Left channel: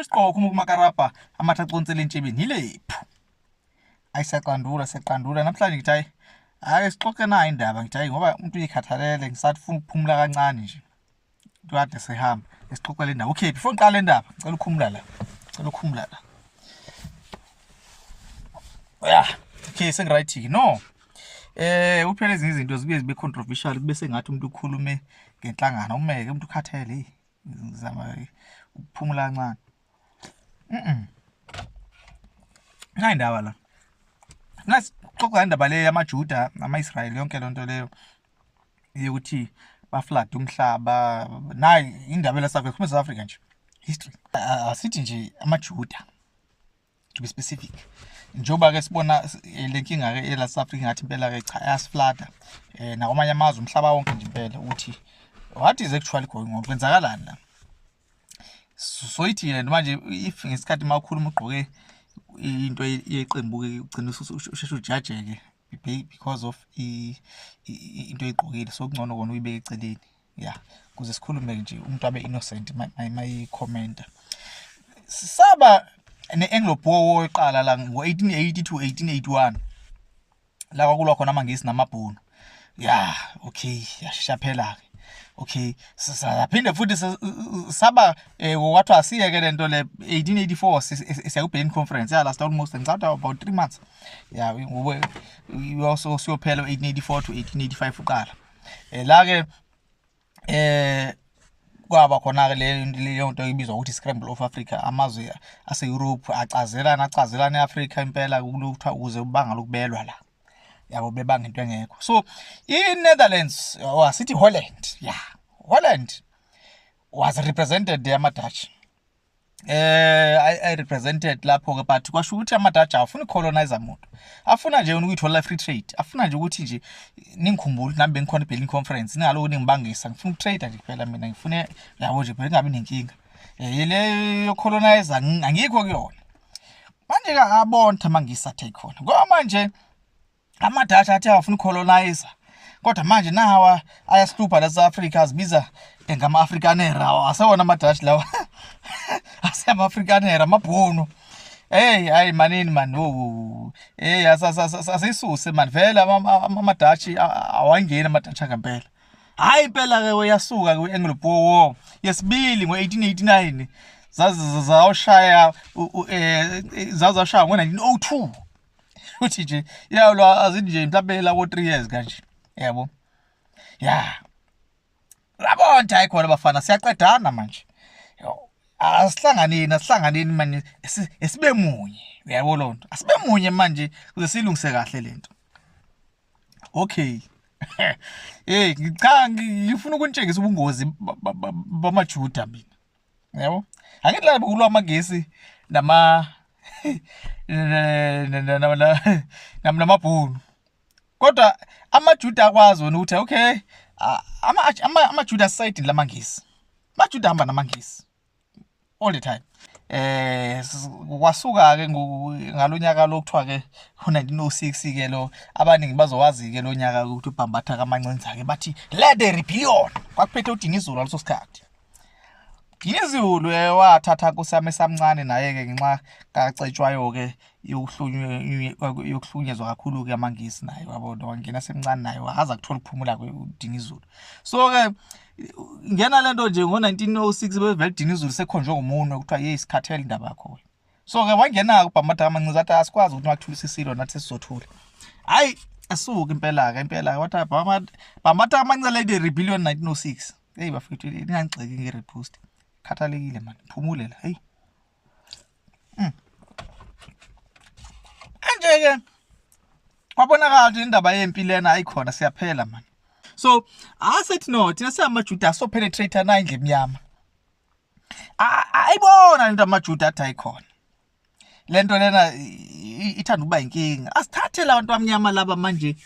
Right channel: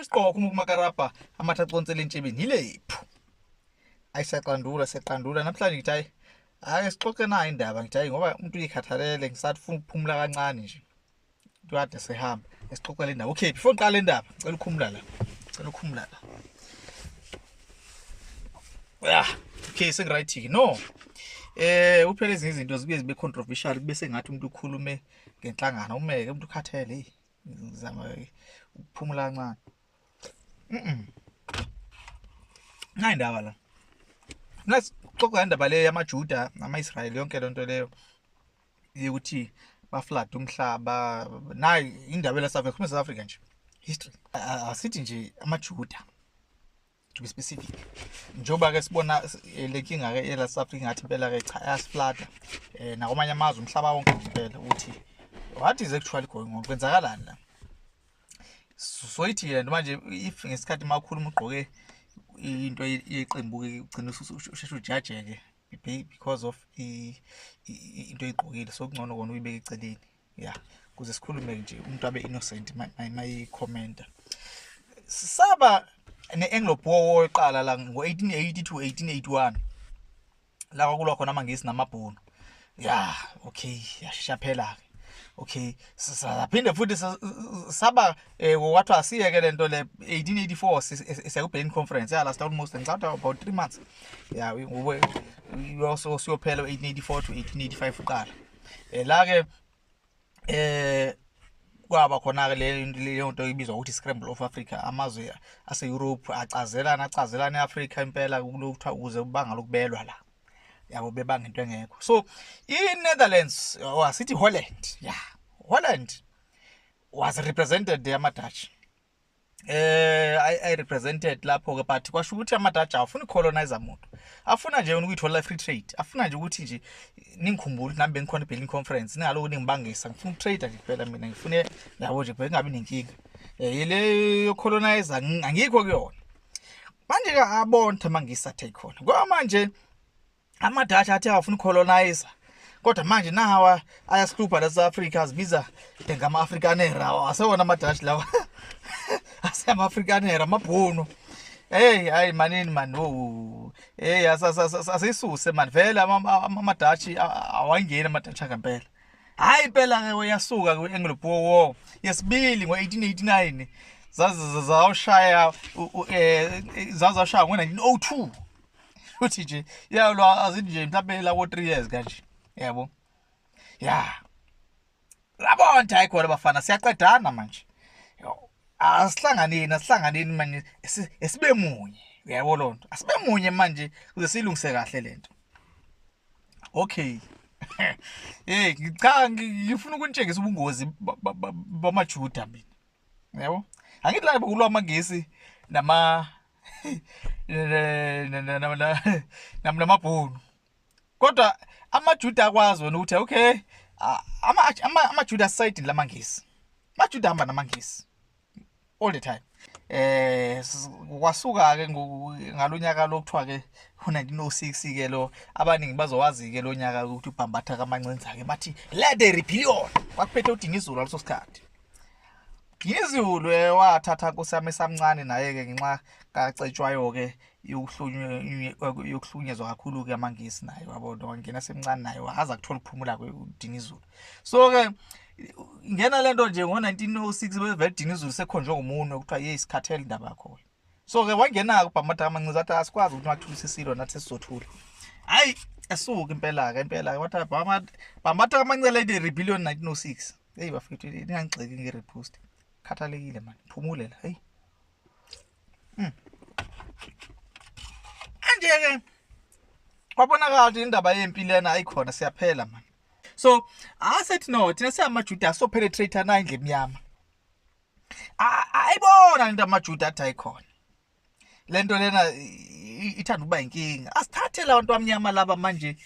Isiqoko uMakarapa amathacontsela entshebeni yilephu. Seqandula namhlanje ngithi ake sixoxe nayo indaba ngithi ngoba umuntu uyikhathalele ngisathi ufuna ukuphumula kancane nje. Kade sehamba esixoxela indaba. Okay, before ngiqale indaba, ngicela ukukhumula la. Okay, sengiright no. Uphela ezinye izinto zibuye zibe controversial bese ngathi umuntu ukhulume ngenhlangano umeke umuntu ukhathele ngizama ukuphumula kancane. Hayi indaba la. Nasixoxa indaba le yamaJuda nama-Israyeli yonke lonto leyo yokuthi baflood umhlaba nayi indaba la South Africa nje history asithi nje amaJuda to be specific njoba ke sibona lenkinga ke ela South Africa ngathi impela ke cha yasiflada nakwamanye amazwe umhlaba wonke nje impela ukuthi what is actually going on kwenzakalani la so ithi yena manje if ngesikhathi makhuluma ugqoke into yeqembu ke ugcina usheshe ujajeke because of into eyiqokile so kungcono kona uyibeke eceleni yeah kuze sikhulume nje umuntu abe innocent my commenter saba ne-Anglo Boer War eqala la ngo-1880 to 1881 la kwakulwa khona amangisi namabhunu yeah okay yashesha phela ke okay saphinde futhi saba wathi asiyeke lento le 1884 siya ku-Berlin conference ya last almost ngicabanga about 3 months yeah we also siyophela 1884 to 1885 uqala la ke kwaba khona ke leyo nto ibizwa ukuthi scramble of Africa amazwe ase Europe acazelana eAfrica impela kulokuthiwa ukuze ubanga lokubelwa la yabo bebanga into engekho so iNetherlands sithi Holland Holland was represented there ama-Dutch I represented lapho ke but kwasho ukuthi ama-Dutch afuna ucolonizer umuntu afuna nje ukuyithola free trade afuna nje ukuthi nje ningikhumbule nami bengikhona eBerlin conference ningaloku ningibangisa ngifuna ukutrade nje kuphela mina ngifune yabo nje phela kungabi nenkinga yile yocolonizer angikho kuyona manje ka abonta mangisa take khona ngoba manje ama-Dutch athi afuna ucolonizer kodwa manje nawa ayasihlupha la South Africa azibiza ngama-Afrikanera asewona ama-Dutch lawa asema-Afrikanera amabhunu hayi manini man asisuse man vele ama-Dutch awangeni ama-Dutch ngempela hayi impela ke uyasuka kwi-Anglo Boer War yesibili ngo-1889 zazawushaya ngo-1902 uthi nje yalo azithi nje mhlawumbe lawo 3 years kanje yabo labonta ayikhona bafana siyaqedana manje asihlanganeni manje esibe munye uyabo lonto asibe munye manje kuze silungise kahle lento okay ngifuna ukunitshengisa ubungozi bamaJuda mina yabo angithi la kulwa amagesi namabhunu kodwa amaJuda akwazi wona ukuthi okay amaJuda side lamangisi amaJuda hamba namangisi all the time kwasuka ke ngalonyaka lokuthiwa ke u1906 ke lo abaningi bazowazi ke lonyaka ukuthi ubhambatha kamancenza ke bathi let the rebellion kwakuphethe uDinizulu ngaleso sikhathi Dinizulu wathatha kusame samncane naye ke ngenxa kacetshwayo ke yokuhlunyezwa kakhulu ke amangisi naye wabona wangena semncane naye waza kuthola ukuphumula kweDinizulu so ke ngena lento nje ngo1906 bevele Dinizulu sekhonjwe ngomunwe kuthiwa yeyisikhathela indaba yakho so ke wangena kubhambatha kamancinza athi asikwazi ukuthi wathulisa isilo nathi sizothula hayi asuka impela ke wathi bhambatha kamancinza le rebellion 1906 hey bafethu ningangixeki ngerepost khathalekile man phumule la hey anje ke kwabonakala ukuthi indaba yempilo lena ayikhona siyaphela man so asethi no thina siyamaJuda so penetrate na indle emnyama ayibona into amaJuda athi ayikhona lento lena ithanda ukuba inkinga asithathe la bantu abamnyama laba manje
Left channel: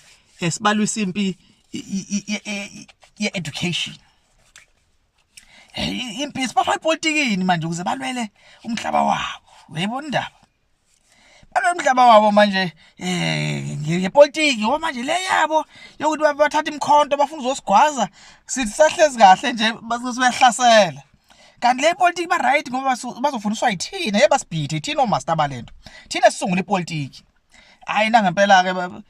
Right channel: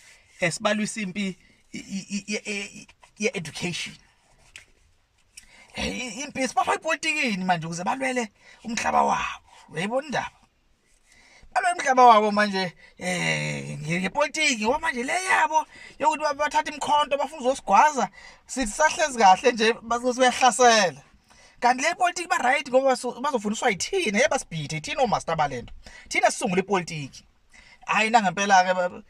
esibalwisa impi ye-education impisi bafaka ipolitikini manje ukuze balwele umhlaba wabo uyayibona indaba balwele umhlaba wabo manje ngepolitiki ngoba manje le yabo yokuthi bathatha imkhonto bafuna uzosigwaza sithi sahlezi kahle nje basesiyahlasela kanti le politiki ba right ngoba bazofundiswa yithina yebasibhithe thina omaster balento thina sisungula ipolitiki hayi na ngempela ke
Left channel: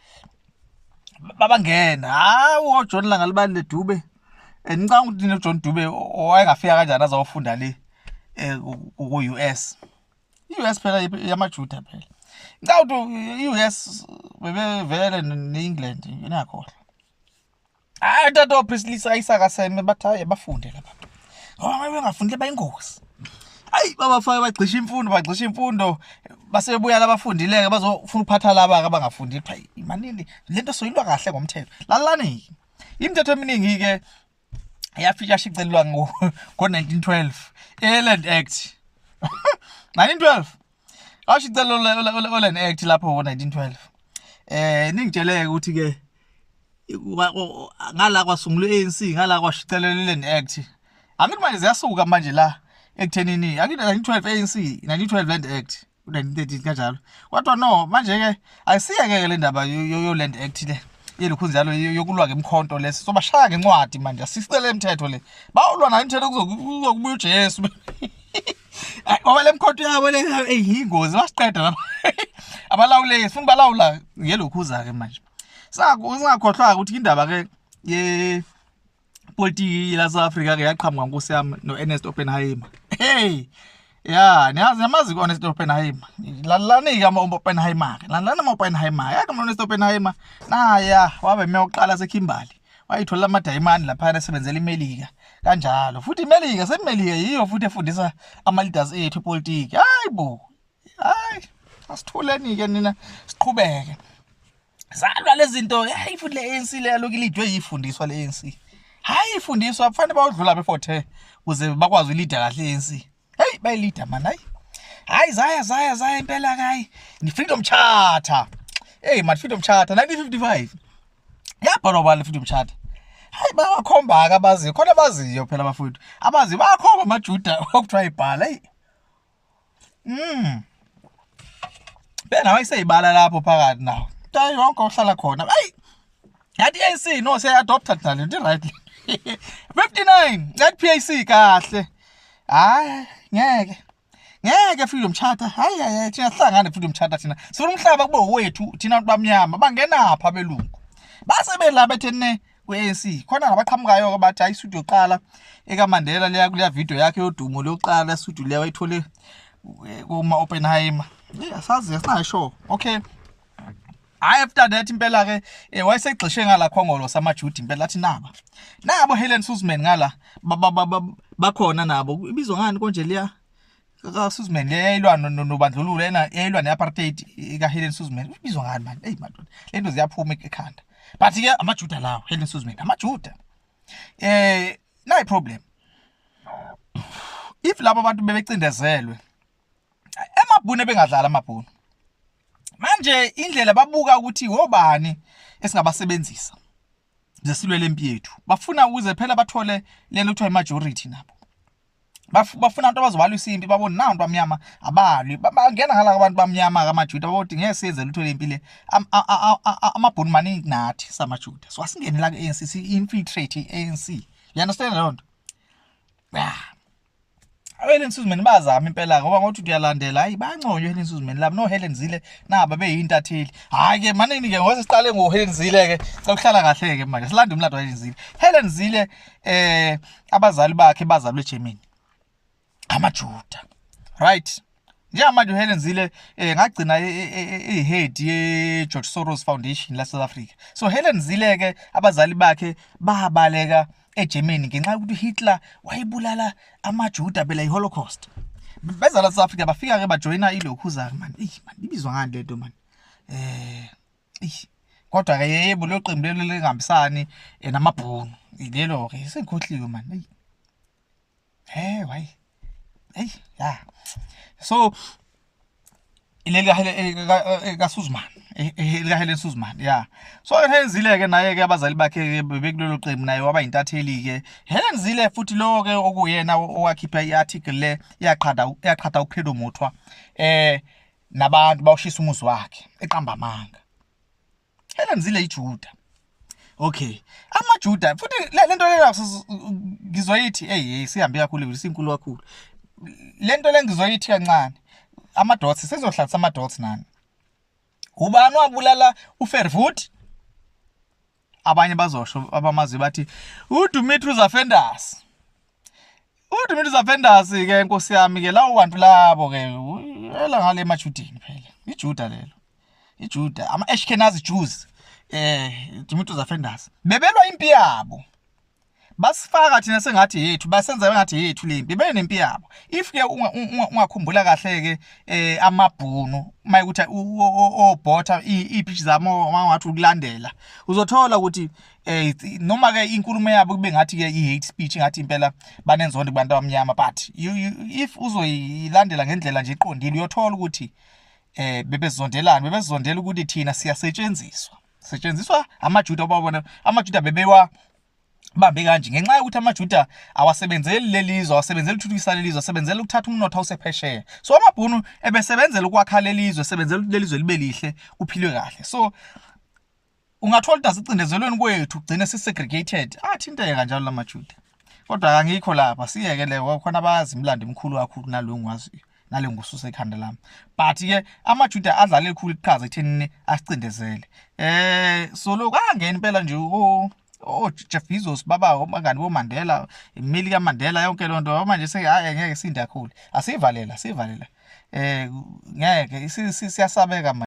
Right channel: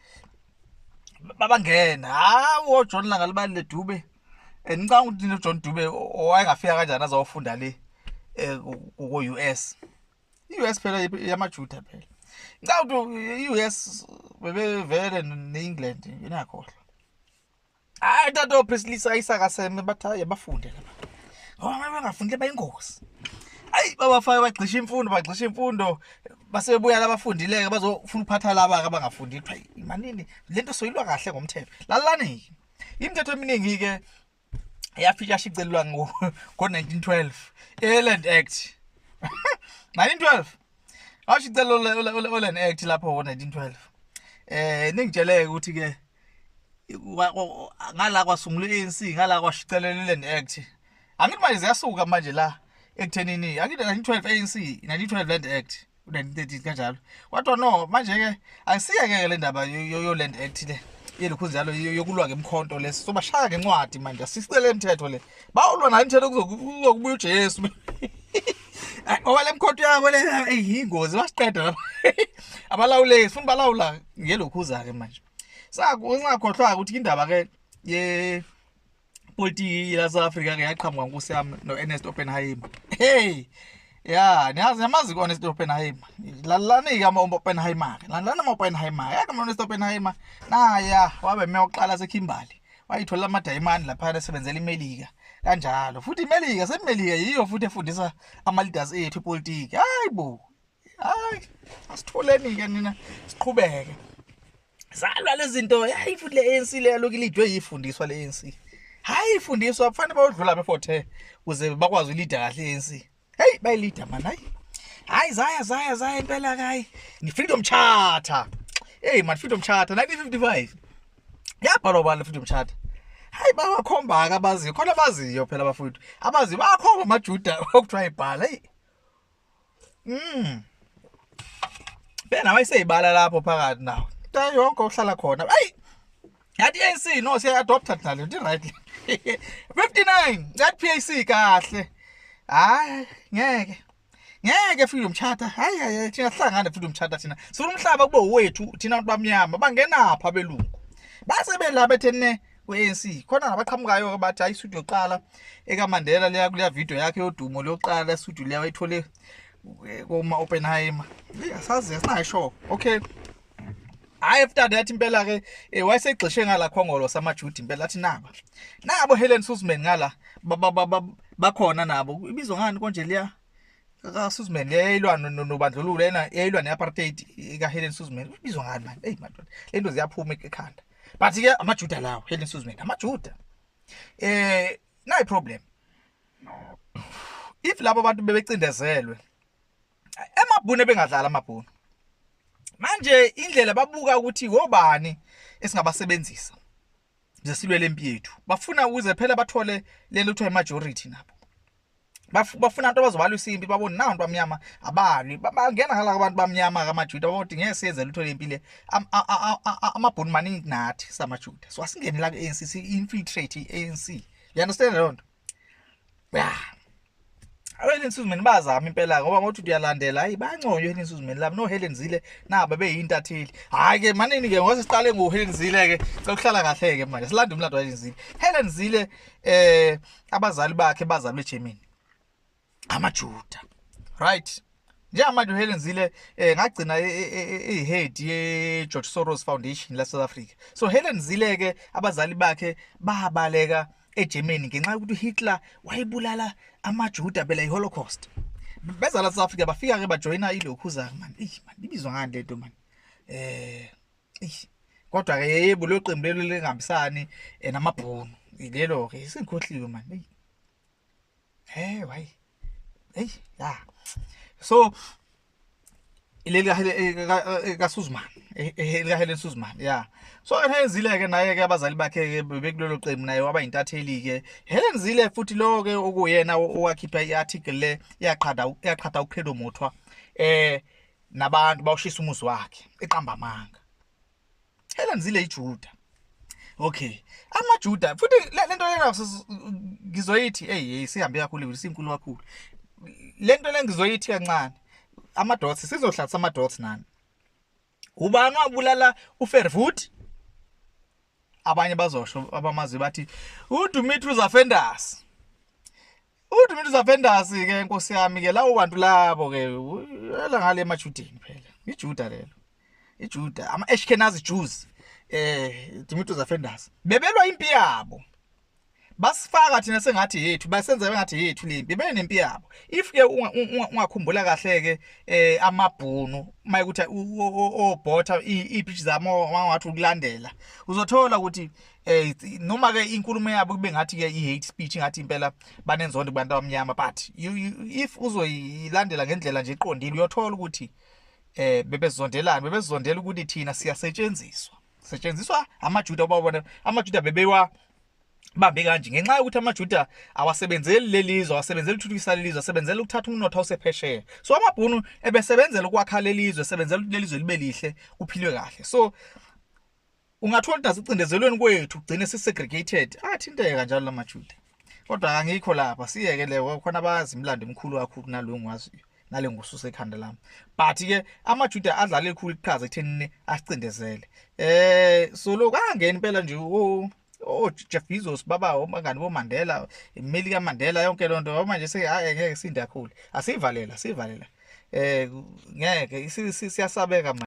babangena hawo John Langalibali le Dube ngicanga ukuthi no John Dube owayengafika kanjani azawufunda le ku US US phela yamajuda phela ngicanga ukuthi US bebevele neEngland inakhohle hayi tato Prislisa Isaka Seme bathaye bafunde lapha ngoba bengafundile bayingozi hayi babafaka bagcisha imfundo basebuya labafundileke bazofuna ukuphatha laba abangafundi manini lento soyilwa kahle ngomthetho lalani imithetho eminingi ke yashicelwa ngo 1912 Land Act 1912 ashicelwa Land Act lapho ngo 1912 ningitsheleke ukuthi ke ngala kwasungulwa ANC ngala kwashicelela Land Act angithi manje ziyasuka manje la ekuthenini angithi 1912 ANC 1912 Land Act 1913 kanjalo kodwa no manje ke ayisiyeke le ndaba yo Land Act le yelukhu njalo yokulwa ngemkhonto lesi so bashaya ngencwadi manje asisicele imithetho le bawulwa nayo imithetho kuzokubuya uJesu ngoba le mkhonto yabo le eyingozi basiqeda lapha abalawuleki funa balawula ngelokhu ke manje singakhohlwa ukuthi indaba ke ye politiki la South Africa ke yaqhamuka nkosi yami no Ernest Oppenheimer ya niyamazi ku Ernest Oppenheimer lalani ke ama Oppenheimer lalana ama Oppenheimer ya kama Ernest Oppenheimer naya wabe meyoqala seKimberley wayithola ama diamond lapha esebenzela iMelika kanjalo futhi iMelika seMelika yiyo futhi efundisa ama leaders ethu politiki hayibo hayi asitholeni ke nina siqhubeke zalwa lezi zinto hayi futhi le ANC le yaloku ilidwe yifundiswa le ANC hayi ifundiswa kufanele bayodlula before kuze bakwazi uleader kahle ANC hey bayilida man hayi zaya impela hayi ni freedom charter hey man freedom charter 1955 yabhalwa bala freedom charter hayi bawakhomba abaziyo khona baziyo phela abafundi abazi bakhomba amajuda okuthiwa ibhala hey bena wayiseyibala lapho phakathi nawo tayo yonke ohlala khona hayi yathi ANC no se adopta nalo ndi right 59 yathi PAC kahle hayi ngeke freedom charter hayi thina sihlangane freedom charter thina sifuna umhlaba kube wethu thina abantu bamnyama bangenapha belungu base belapha ethene ku-ANC khona nabaqhamukayo abathi hayi isudu yoqala ekaMandela leya kuleya video yakhe yodumo loqala isudu leya wayithole kuma Oppenheimer asazi asinayo okay after that impela ke wayesegxishe ngala khongolo samajuda impela athi nabo Helen Suzman ngala bakhona nabo ibizwa ngani konje leya ka Suzman leyilwa nobandlululo lena yayilwa neapartheid ka Helen Suzman ibizwa ngani man hey madodana lento ziyaphuma ekhanda but ke amajuda lawo Helen Suzman amajuda nayi problem if labo bantu bebecindezelwe emabhunu bengadlala amabhunu manje indlela babuka ukuthi wobani esingabasebenzisa zesilwe lempi yethu bafuna ukuze phela bathole lento kuthiwa majority nabo bafuna abantu abazobala isimpi babona nawo abantu bamnyama abalwi bangena ngala abantu bamnyama kamajuda bathi ngeke siyenze lutho lempile amabhunu maningi nathi samajuda so asingene la ke ANC infiltrate ANC you understand lonto Helen Suzman bazama impela ngoba ngothi uyalandela hayi banconywe Helen Suzman labo no Helen Zille naba beyintatheli hayi ke manini ke ngose siqale ngo Helen Zille ke ukuhlala kahle ke manje silanda umlando wa Helen Zille Helen Zille abazali bakhe bazalwe eGermany amajuda right njengamanje uHelen Zille ngagcina ehead ye George Soros Foundation la South Africa so Helen Zille ke abazali bakhe babaleka eGermany ngenxa ukuthi Hitler wayebulala amajuda bela iHolocaust beza la South Africa bafika ke bajoina ilokhuza man man ibizwa ngani lento man kodwa ke yebo lo qembu lelo lengihambisani namabhunu lelo ke sengikhohliwe man why ya so ileli ka Suzman Helen Suzman yeah so Helen Zille ke naye ke abazali bakhe bekulelo qembu naye waba intatheli ke Helen Zille futhi lo ke okuyena owakhipha iarticle le yaqhada uPhelo Mothwa nabantu bawushisa umuzi wakhe eqamba amanga Helen Zille ijuda Okay, amaJuda futhi lento le ngizoyithi hey sihambe kakhulu isinkulu kakhulu. Lento le ngizoyithi kancane. Amadots sizohlalisa amadots nani? Ubani wabulala uFervoet? Abanye bazosho abamazi bathi uDimitrius Offenders. uDimitrius Offenders ke Nkosi yami ke lawo bantu labo ke yela ngale emaJudeni phela. iJuda lelo. iJuda ama-Ashkenazi Jews. Dimitrius Offenders bebelwa impi yabo, basifaka thina sengathi yethu, basenza ngathi yethu lempi benempi yabo. If ke ungakhumbula kahle ke amabhunu mayekuthi obhotha iPitch zamo mangathi ukulandela, uzothola ukuthi noma ke inkulumo yabo kube ngathi ke i-hate speech, ngathi impela banenzondo kubantu abamnyama, but if uzoyilandela ngendlela nje iqondile uyothola ukuthi bebezondela ukuthi thina setshenziswa amaJuda. Babona amaJuda bebewa bambe kanje ngenxa ukuthi amaJuda awasebenzeli lelizwe, awasebenzeli ukuthuthukisa lelizwe, asebenzela ukuthatha umnotho osephesheya. So amabhunu ebesebenzela ukwakha lelizwe, sebenzela ukuthi lelizwe libe lihle, kuphilwe kahle. So ungathola ukuthi asicindezelweni kwethu ugcine sisegregated, athinteka kanjalo lamaJuda. Kodwa angikho lapha, siyeke leyo khona abazi imlando emkhulu kakhulu nalo ngwaziyo, nale ngususa ekhanda lami. But ke amaJuda adlala elikhulu iqhaza ekuthenini asicindezele. So lokho angena impela nje Jeff Bezos baba obangani boMandela, imeli kaMandela, yonke lonto manje ngeke sinde kakhulu. Asivalela ngeke siyasabeka manje.